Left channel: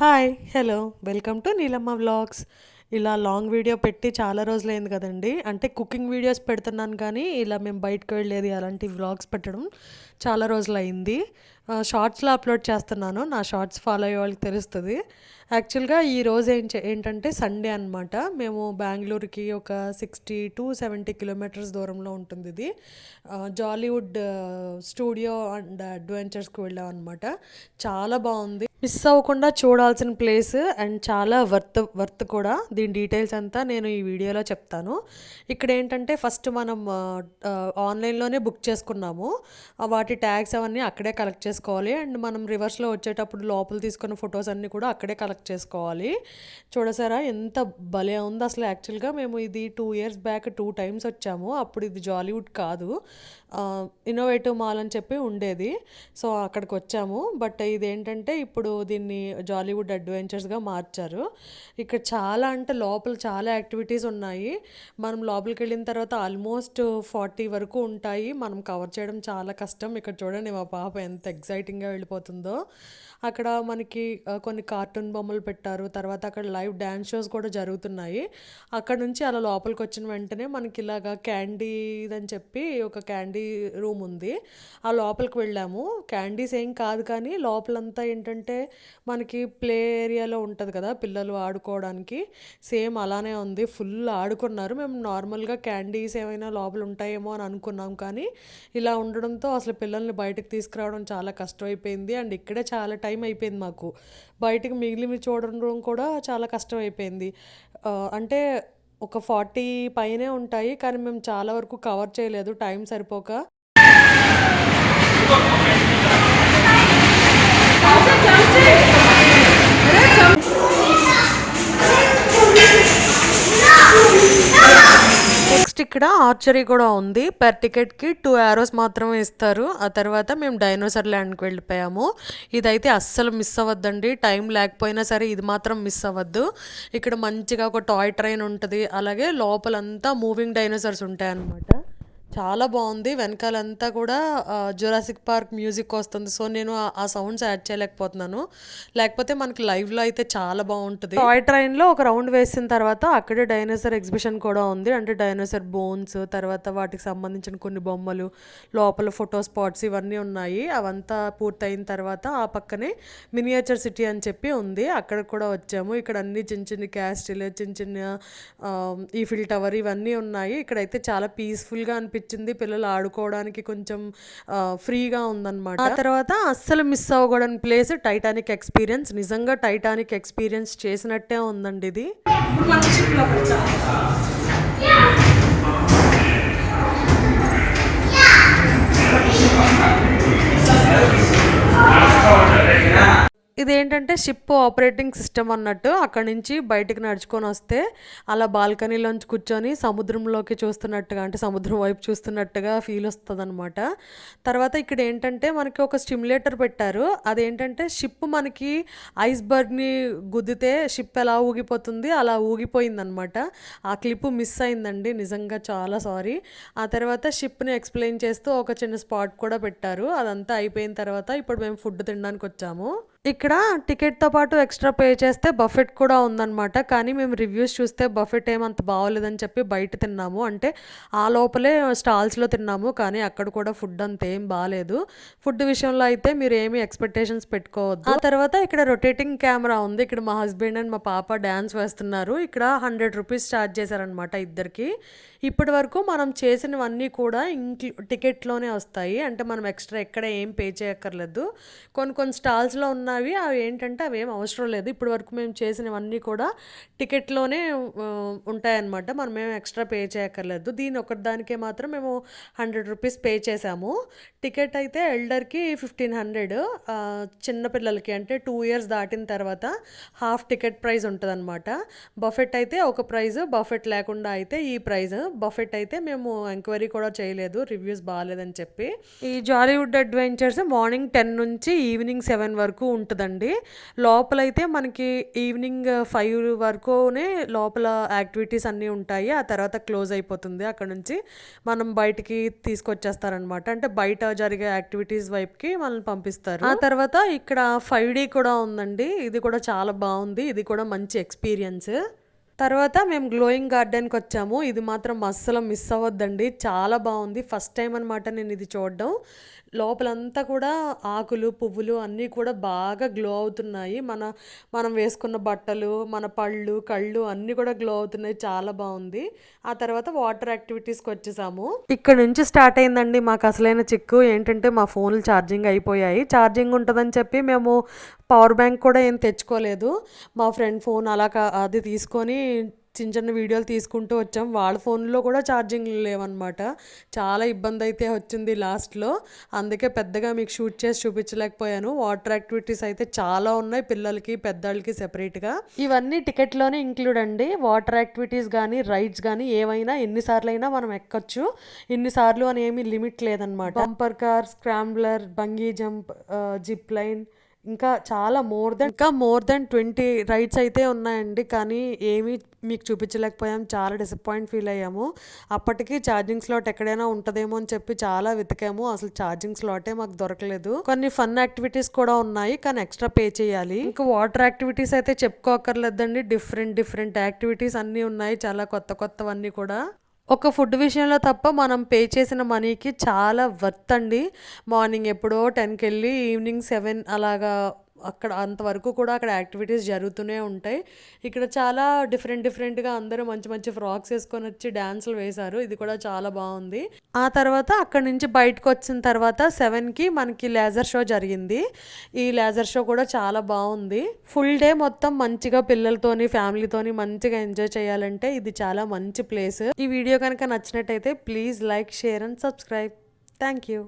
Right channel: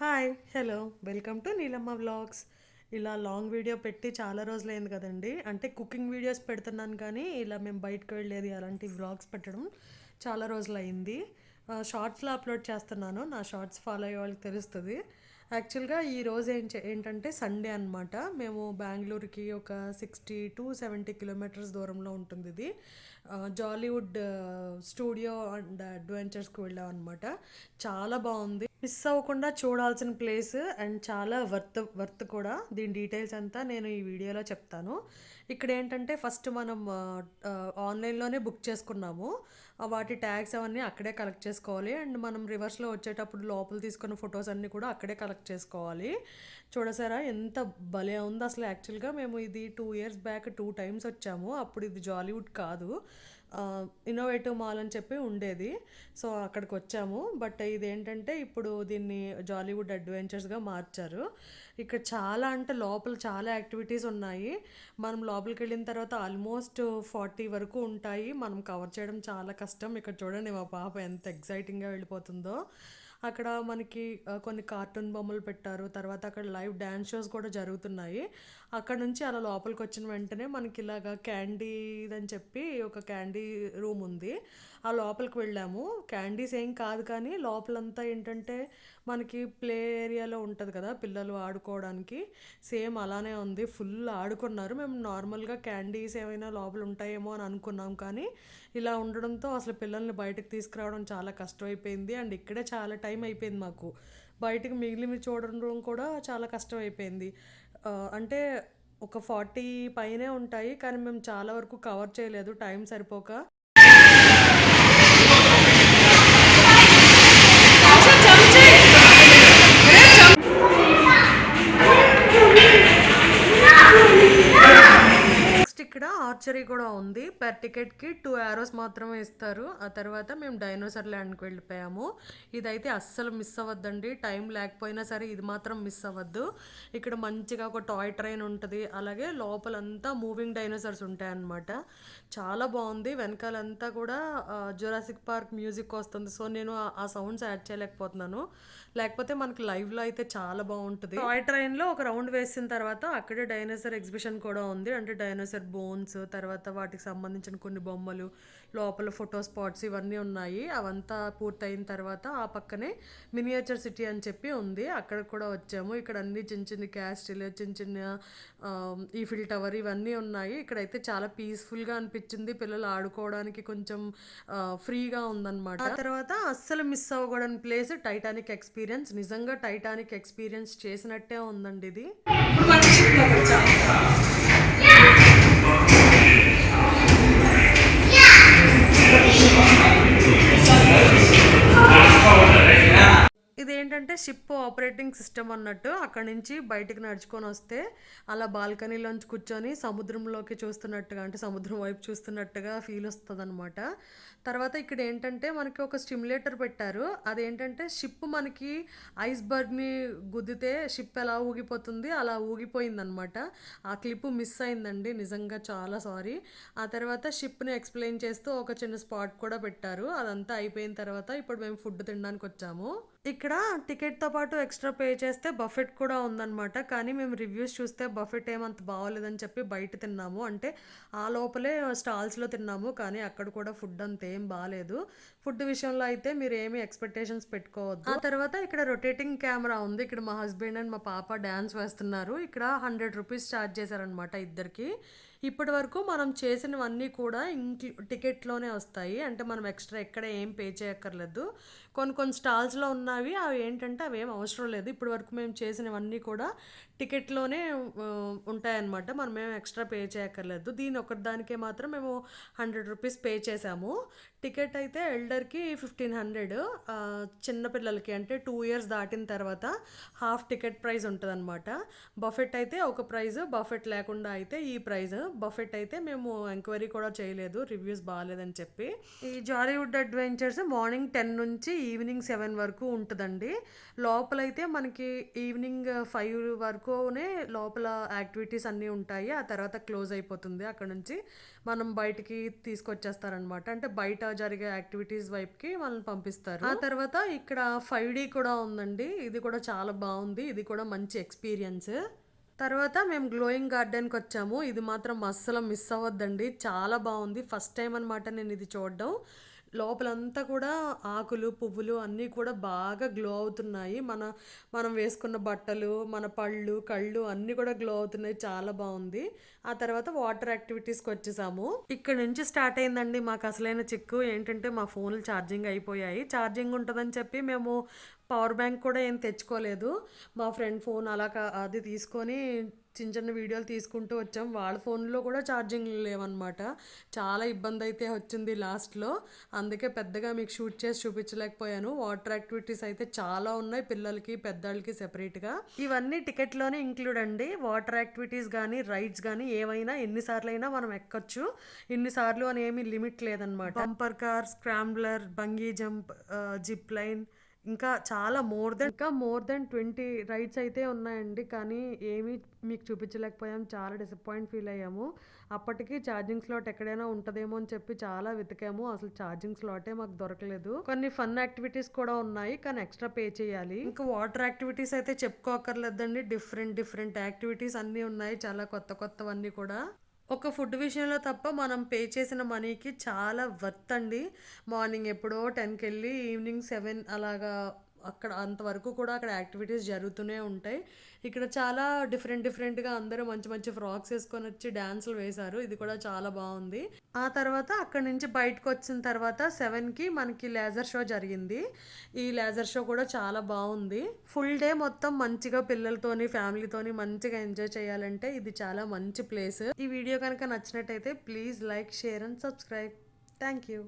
Hi hello welcome to Neelamma vlogs ఇలా long video పెట్టి చాలా రోజులైంది కదండి. అంటే కుకింగ్ వీడియోస్ పెడుతున్నాను కానీ ఇలా మేము బయటకు వెళ్ళేది అలాంటి వ్లాగ్స్ పెట్టడం చాలా రోజులు అయింది షార్ట్స్లో అప్లోడ్ చేస్తున్నాను. నా షార్ట్స్ ఫాలో అయ్యే వాళ్ళకి తెలుస్తుంది. యాక్చువల్గా ఈ రోజు ఏం చే- ఏంటంటే సండే అనమాట మేము బెంగళూరుకి ఒక సిక్స్టీ టు సెవెంటీ కిలోమీటర్స్ దూరంలో ఉంటుంది ఇది. జాలీవుడ్ స్టూడియో అండ్ అడ్వెంచర్స్కి వెళ్ళాం అనమాట చాలా బాగుంది. మిస్ అవ్వకుండా చూడాల్సిన ప్లేస్ అండ్ చాలా వర్త్ వర్త్ కూడా. దీని డీటెయిల్స్ అంతా నేను ఈ వీడియోలో చెప్తాను. ఇక్కడ ఏంటంటే ఫస్ట్ మనం ఆన్లైన్లోనే బుక్ చేసుకున్నాము. వాటి ట్యాగ్స్ అవన్నీ అక్కడే కలెక్ట్ చేసుకోవాలి. అండ్ మనం రివర్స్లో వచ్చేటప్పుడు లోపల తీసుకున్న ఫొటోస్ అన్నీ కూడా అక్కడే కలెక్ట్ చేసుకోవాలి. చూడసారా ఎంత భలే ఉంది అసలు. యాక్చువల్గా మేము ఇది two years back two times వచ్చాము. అప్పుడు ఇది జాలీవుడ్ కాదు. ఇన్నోవేటివ్ మాల్ అని చెప్పి ఉండేది. సో అక్కడికి వచ్చాము. బట్ ఇదేంటంటే ఇప్పుడు దీన్ని జాలీవుడ్ అడ్వెంచర్స్గా మార్చారు. ఇక్కడ చాలా అంటే లోపల చాలా యాక్టివిటీస్ ఉన్నాయి. మనం లోపలికి వెళ్ళిన తర్వాత ఆల్మోస్ట్ ఫార్టీ వరకు ఉంటాయి. మనం కవర్ చేయడం చాలా కష్టం. ఇక్కడ చూడండి మా పాప ఎంత ఎగ్జైటింగ్గా వెళ్ళిపోతుందో. అక్కడ మనకి కొన్ని కార్టూన్ బొమ్మలు పెట్టారు. తర్వాత అక్కడ లైవ్ డ్యాన్స్ షోస్ కూడా జరుగుతున్నాయి. అక్కడ నుంచి అలా లోపలికి వచ్చిన వెంటనే మనకి ఇలాగా క్యాండీ అని చెప్పి ఒక క్యాండీ రూమ్ ఉంది. ఆ లోపలికి వెళ్ళాము. క్యాండీస్ ఏం కాదు కానీ లోపలంతా ఏంటంటే మనకి ప్లే ఏరియాలో ఉంటుంది కదా పిల్లలు ఆడుకోవడానికి. సేమ్ అలానే ఉంది. ఫుల్ ఆడుకున్నారు. మేము నార్మల్గా క్యాండీస్ ఏమైనా లోపల ఉంటాయేమో అని అనుకున్నాం కానీ ఇలా ఉండడంతో అసలు పిల్లల్ని బయటకు తీసుకురావడం చాలా కష్టమైపోయింది. అండ్ ఇక్కడే చాలా టైం అయిపోయింది మాకు. బయటకు మిగిలిన చూడడం కూడా చాలా కష్టం అయిపోయింది అంటే ఒక ఫార్టీ పైనే ఉంటాయి కానీ మేము చాలా వరకు కవర్ చేయలేదు. టైం సరిపోక ఆర్చరీ కూడా ఉంది. పర్ టికెట్కి టూ యారోస్ మాత్రమే ఇస్తారు. ఆ తర్వాత మేము డైనోసార్ ల్యాండ్కి వెళ్ళిపోయాము. ఇదైతే అస్సలు మిస్ అవ్వద్దండి. టైం లేకపోయినా సరే ఇది మాత్రం మిస్ అవ్వద్దు. ఇక్కడ మంచిగా ఒక టాయ్ ట్రైన్ ఉంటుంది. అలాగే లోపలంతా మూవింగ్ డైనోసార్స్ ఉంటాయి అన్నమాట చాలా బాగుంది. వెనకాలంతా కూడా జురాసిక్ పార్క్ మ్యూజిక్ వస్తుంది. సో నేను ఆ- సౌండ్స్ యాడ్ చేయలేకపోతున్నాను. లేకపోతే మనకి లైవ్లో అయితే చాలా బాగుంటుంది. టాయ్ ట్రైన్లో ఒక రౌండ్ వేసిన తర్వాత అక్కడే డైనోసార్ ఎగ్జిబిషన్ కూడా ఉంది. అంటే డైనోసార్ బోన్స్ తర్వాత వాటికి సంబంధించిన కొన్ని బొమ్మలు లోపల ఫోటో స్పాట్స్ ఇవన్నీ ఉన్నాయి. అవంతా పూర్తయిన తర్వాత ఆ పక్కనే మినియేచర్ సిటీ అని చెప్పి ఉంది. అక్కడ కూడా వచ్చాము. ఇక్కడ అన్ని చిన్న చిన్న క్యాస్టిల్ చిన్న చిన్న ఈ ఈఫిల్ టవర్ ఇవన్నీ ఉన్నాయి. ఇక్కడైతే చాలా పీస్ఫుల్గా అనిపించింది. పిల్లలు ఆడుకోవడానికి కొంచెం ఫ్రీగా ఉందన్నమాట. ఆ తర్వాత అస్సలు మిస్ అవ్వకూడని ప్లేస్ టైటానిక్ ఎక్స్పీరియన్స్. నిజంగా టైటానిక్ ఎక్స్పీరియన్స్ చేసినట్టే ఉందండి ఇది. ఇదేంటంటే షిప్ ఆపరేటింగ్ సిస్టమ్ అన్నట్టు అక్కడి నుంచి బయటకు నడుచుకొని వస్తే అలా బాల్కనీలోంచి కూర్చొని సముద్రంలోకి చూస్తున్నట్టుగా అంటే సముద్రం వైపు చూస్తున్నట్టుగా ఫీల్ వస్తుంది అనమాట తర్వాత ఇక్కడ ఏంటంటే మనకి ఒక స్టిమ్యులేటర్ పెట్టారు. అదేంటంటే షిప్ మనకి ఐస్బర్గ్ని గుద్దితే షిప్ ఎలా ఊగిపోతుంది అలా ఊగిపోయిందనమాట ఆ క్లిప్ మిస్ అయిందండి నిజంగా చాలా సారీ. ఆ తర్వాత షిప్ని ఎక్స్ప్లెయిన్ చేస్తూ ఒక చిన్న స్పాట్ కూడా పెట్టారు. అదంతా అయిపోయిన తర్వాత ఇప్పుడు మేము ఫుడ్ తినడానికి వచ్చాము. ఇక్కడ టికెట్తో పాటు ఎక్స్ట్రా పే చేస్తే బఫెట్ కూడా ఉందన్నమాట. కానీ మేము రివ్యూస్ చూస్తే బఫెట్ ఏమంత బాగోలేదని చెప్పి బయట తిన్నాము. అంటే ఆ లోపలే స్టాల్స్లో తిన్నాము. కానీ అక్కడ కూడా ఫుడ్ అంత ఏం బాగాలేదు ఫుడ్ విషయంలో అయితే మీరు ఏమి ఎక్స్పెక్టేషన్స్ పెట్టుకోవద్దు. ఆ తర్వాత ఇక్కడ రొటేటింగ్ కెమెరా ఉంది. ఇక్కడ మా హస్బెండ్ అండ్ మా పాప డ్యాన్స్ వేస్తున్నారు. ఇక్కడ హండ్రెడ్ రూపీస్ ఛార్జ్ చేశారనమాట ఇద్దరికి. ఇప్పటి వరకు మనం చేసినవన్నీ కూడా ఇంక్లూ టికెట్లోనే వస్తాయి. అంటే మనం ఎక్స్ట్రా ఎక్కడ ఏం పే చేయక్కర్లేదు. కొన్ని కొన్ని స్టాల్స్లో ఉన్నవి అవి ఏంటంటే అవి ఏం అవసరం లేదు. ఇప్పటి వరకు మేము చేసినవన్నీ కూడా టికెట్లోనే ఉంటాయన్నమాట. మనం ఎక్స్ట్రా పే చేయక్కర్లేదు. దీని ఒకదానికే మాత్రం మేము హండ్రెడ్ రూపీస్ పే చేసాము టికెట్ అయితే ఎల్డర్కి ఫిఫ్టీన్ హండ్రెడ్ చిన్నపిల్లలకి అంటే టూ ఇయర్స్ దాటిన తర్వాత హాఫ్ టికెట్ ప్రైస్ ఉంటుంది అనమాట బఫెట్ అయితే ఒక ప్రైజ్ బఫెట్ లేకుండా అయితే ఈ ప్రైజ్. బఫెట్ అయితే మేము ఎంక్వైరీ కూడా చేయలేదు రివ్యూస్ బాగాలేదని చెప్పి. ఈ జాలీవుడ్ అడ్వెంచర్స్ మార్నింగ్ టెన్ నుంచి ఈవినింగ్ సెవెన్ వరకు ఉంటుందండి. లోపలైతే మనకి ఈవినింగ్ ఫైవ్ వరకు వరకునే లోపల యాక్టివిటీస్ అన్నీ ఉంటాయి. ఆ తర్వాత క్లోజ్ అయిపోతుంది. అక్కడ నుంచి మనం బయటికి తీసుకొచ్చేస్తారనమాట. అంటే బయట జరిగే యాక్టివిటీస్ వైపుకి మనల్ని పంపిస్తారు. ఆ తర్వాత ఇక్కడ ఫైవ్ డీ కూడా ఉందండి. ఇది కూడా చాలా బాగుంది. ఇది కూడా మంచి ఎక్స్పీరియన్స్. తర్వాత మేము గ్లోయింగ్ గార్డెన్కి వచ్చాము. ఇది మాత్రం అస్సలు మిస్ అవ్వద్దండి. చాలా బాగుంది. ఫస్ట్ టైం అనమాట నేను ఇది చూడడం. లోపలంతా కూడా ఆకులు పువ్వులు అన్నీ కూడా బాగా గ్లో అవుతున్నాయి. మన మనం వేసుకున్న బట్టలు మన పళ్ళు కళ్ళు అన్నీ కూడా గ్లో అవుతున్నాయి. చాలా బాగుంది. ఆ తర్వాత వాటర్ యాక్టివిటీస్కి వచ్చేసాము. ఇక్కడ నుంచి స్టార్ట్ అయిందండి మాకు అసలైన చిక్కు. ఏంటంటే మా ఫోన్లు ఛార్జింగ్ అయిపోయాయి. ఛార్జింగ్ ఉంటుందని చెప్పి మేము పవర్ బ్యాంక్ కూడా ఏం తెచ్చుకోలేదు. మా ఫ్రెండ్ ఫోన్ అలా అది తీసుకొని చిన్న చిన్న వీడియోలు తీసుకుంటూ వచ్చాం. వాళ్ళ ఫోన్లో కూడా ఛార్జింగ్ లేవన్నమాట. చాలా ఇబ్బంది అయితే వచ్చింది లాస్ట్లో. అందుకే పెద్దగా మీకు షూట్ చేసి చూపించలేకపోయాను. వాటర్ యాక్టివిటీస్ అయితే చాలా ఉన్నాయి పిల్లలకి పెద్దవాళ్ళకి సెపరేట్గా. ఇవన్నీ టికెట్లోనే ఇంక్లూడ్ అండి. వాటర్ యాక్టివిటీస్ కానీ రైడ్స్ కానీ ఏమైనా ఎన్నిసార్లు అయినా మనం ఎక్కొచ్చు. ఇన్నిసార్లు అని ఏమీ లిమిట్ లేదనమాట bumper car scrambler bungee jump zip line ఇంకా చాలా మోర్ దెన్ ఇంకా మోర్ దెన్ ట్వంటీ రైడ్స్ అయితే ఉన్నాయండి. కానీ ఏమీ మీకు చూపించలేకపోయాం. చాలా డిసప్పాయింట్ ఫీల్ అయ్యాము. అప్పటికి ఛార్జింగ్ స్లాట్ ఎక్కడైనా ఉంటుందేమో అని చెప్పి చాలా వెతికాము. అసలు ఛార్జింగ్ స్లాటే మాకు దొరకలేదు. కొన్ని ఫన్ యాక్టివిటీస్ కూడా ఉన్నాయి. కానీ ఎక్స్ట్రా పే చేయాలి. ఇంకా వాటర్ యాక్టివిటీస్ అయితే చెప్పుకోకర్లేదండి. డిఫరెంట్ డిఫరెంట్ యాక్టివిటీస్ అన్నీ ఉన్నాయి. చాలా కొత్త కొత్తవన్నీ కూడా. ఒక ఫుడ్ విషయంలో తప్ప మనం పే చేసిన మనీకి చాలా వర్త్ అండి. మార్నింగ్ ఎప్పుడో టెన్కి వెళ్ళి ఈవినింగ్ సెవెన్ అలాగా అక్కడ అంతవరకు కూడా అక్కడ యాక్టివిటీస్ జరుగుతూనే ఉంటాయి. ఇక్కడ చాలా డిఫరెంట్ డిఫరెంట్గా అందరూ మంచి మంచి ఫ్రాక్స్ వేసుకొని వచ్చి డ్యాన్సులు వేశారు. ఇది కూడా చాలా బాగుంది. ఆ తర్వాత అక్కడ నుంచి బయటకు వచ్చిన తర్వాత సెవెన్కి మనకి లేజర్ షో జరిగింది. ఈ లేజర్ షో కూడా చాలా బాగుంది. ఫుల్ డే మొత్తం మంచిగా పిల్లలతోని ఫ్యామిలీతోని మంచిగా ఎంజాయ్ చేయాలంటే ఇది చాలా మంచి ప్లేస్. ఈ వీడియో కనుక నచ్చినట్టయితే please like share and subscribe. Thank you.